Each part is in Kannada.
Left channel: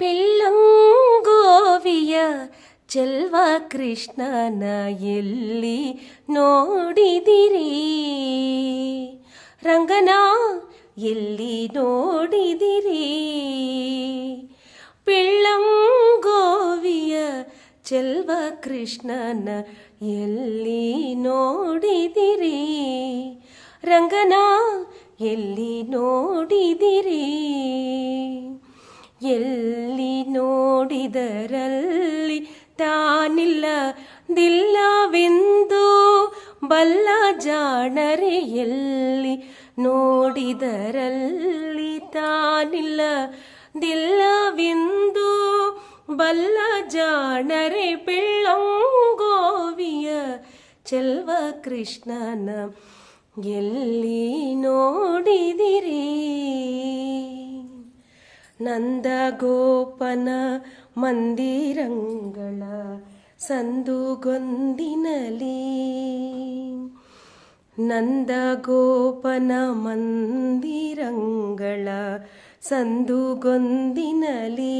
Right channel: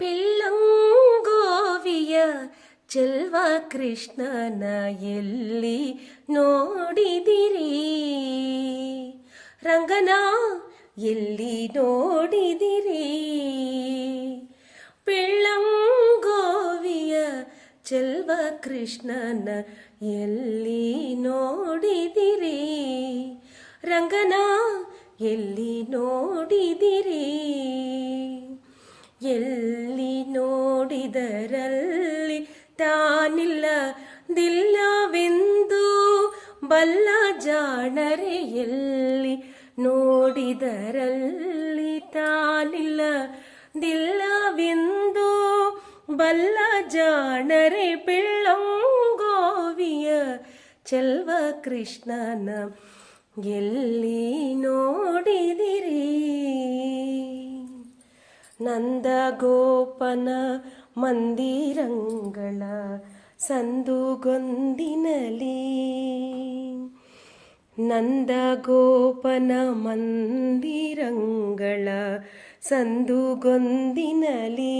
ಪಿಳ್ಳಂಗೋವಿಯ ಚೆಲ್ವ ಕೃಷ್ಣನ ಎಲ್ಲಿ ನೋಡಿದಿರಿ? ರಂಗನ ಎಲ್ಲಿ ನೋಡಿದಿರಿ? ಪಿಳ್ಳಂಗೋವಿಯ ಚೆಲ್ವ ಕೃಷ್ಣನ ಎಲ್ಲಿ ನೋಡಿದಿರಿ? ರಂಗನ ಎಲ್ಲಿ ನೋಡಿದಿರಿ? ಎಲ್ಲಿ ನೋಡಿದರಲ್ಲಿ ತಾನಿಲ್ಲದಿಲ್ಲವೆಂದು ಬಲ್ಲ ಜಾಣರೆ, ಎಲ್ಲಿ ನೋಡಿದರಲ್ಲಿ ತಾನಿಲ್ಲದಿಲ್ಲವೆಂದು ಬಲ್ಲ ಜಾಣರೆ. ಪಿಳ್ಳಂಗೋವಿಯ ಚೆಲ್ವ ಕೃಷ್ಣನ ಎಲ್ಲಿ ನೋಡಿದಿರಿ? ನಂದಗೋಪನ ಮಂದಿರಂಗಳ ಸಂದುಗೊಂದಿನಲಿ, ನಂದಗೋಪನ ಮಂದಿರಂಗಳ ಸಂದುಗೊಂದಿನಲಿ,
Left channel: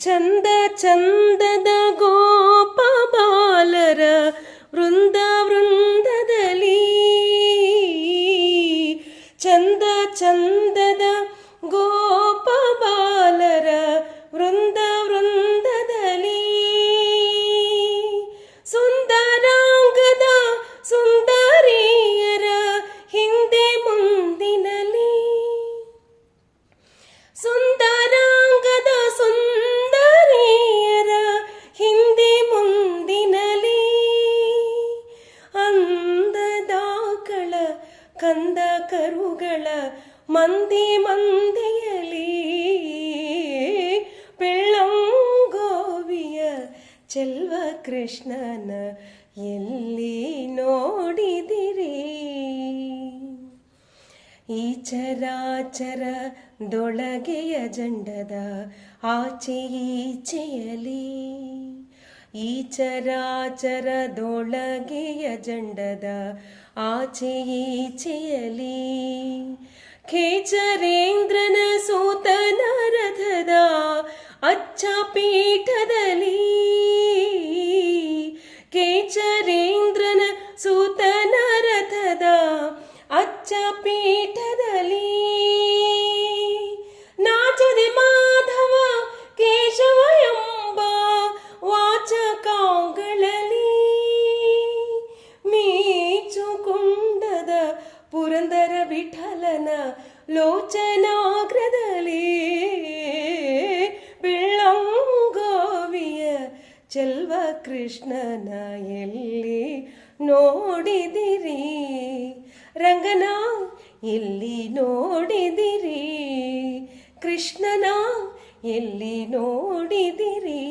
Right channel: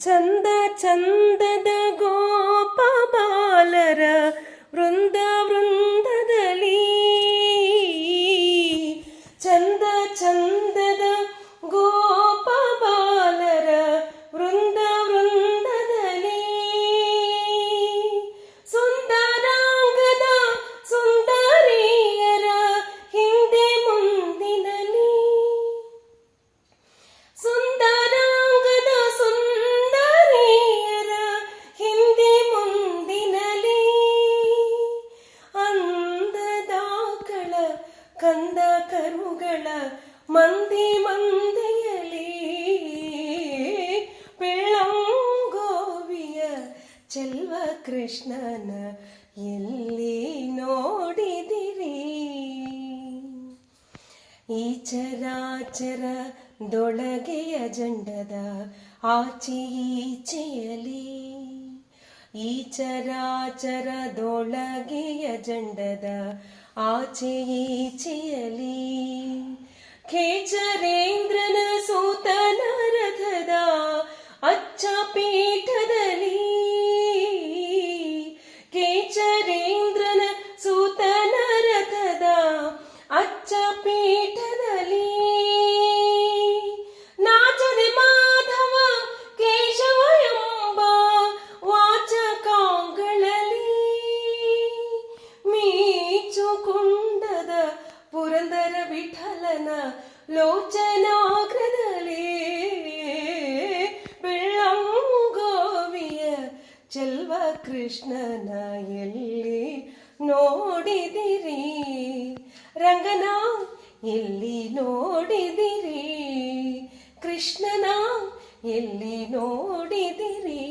ಚಂದ ಚಂದದ ಗೋಪ ಬಾಲರ ವೃಂದ ವೃಂದದಲ್ಲಿ, ಚಂದ ಚಂದದ ಗೋಪ ಬಾಲರ ವೃಂದ ವೃಂದದಲ್ಲಿ, ಸುಂದರಾಂಗದ ಸುಂದರಿಯರ ಹಿಂದೆ ಮುಂದಿನಲಿ, ಸುಂದರಾಂಗದ ಸುಂದರಿಯರ ಹಿಂದೆ ಮುಂದಿನಲಿ, ಅಂದದಾಕಳ ಕಂದ ಕರುಗಳ ಮಂದಿ ಮಂದಿಯಲಿ. ಪಿಳ್ಳಂಗೋವಿಯ ಚೆಲ್ವ ಕೃಷ್ಣನ ಎಲ್ಲಿ ನೋಡಿದಿರಿ? ಈ ಚರಾಚರದೊಳಗೆಯ ಜಂಡದ ಆಚೆ ಈಚೆಯಲಿ, ಈ ಚರಾಚರದೊಳಗೆಯ ಜಂಡದ ಆಚೆ ಈಚೆಯಲಿ, ಖೇಚರೇಂದ್ರನ ಸೂತನ ರಥದ ಅಚ್ಚ ಪೀಠದಲ್ಲಿ, ಖೇಚರೇಂದ್ರನ ಸೂತನ ರಥದ ಅಚ್ಚ ಪೀಠದಲ್ಲಿ, ನಾಚದೆ ಮಾಧವ ಕೇಶವ ಎಂಬ ವಾಚಕಾಂಗಳಲ್ಲಿ, ಮೀಚುಕುಂಡದ ಪುರಂದರ ವಿಠಲನ ಲೋಚನಾಗ್ರದಲ್ಲಿ. ಪಿಳ್ಳಂಗೋವಿಯ ಚೆಲ್ವ ಕೃಷ್ಣನ ಎಲ್ಲಿ ನೋಡಿದಿರಿ? ರಂಗನ ಎಲ್ಲಿ ನೋಡಿದಿರಿ? ಕೃಷ್ಣನ ಎಲ್ಲಿ ನೋಡಿದಿರಿ?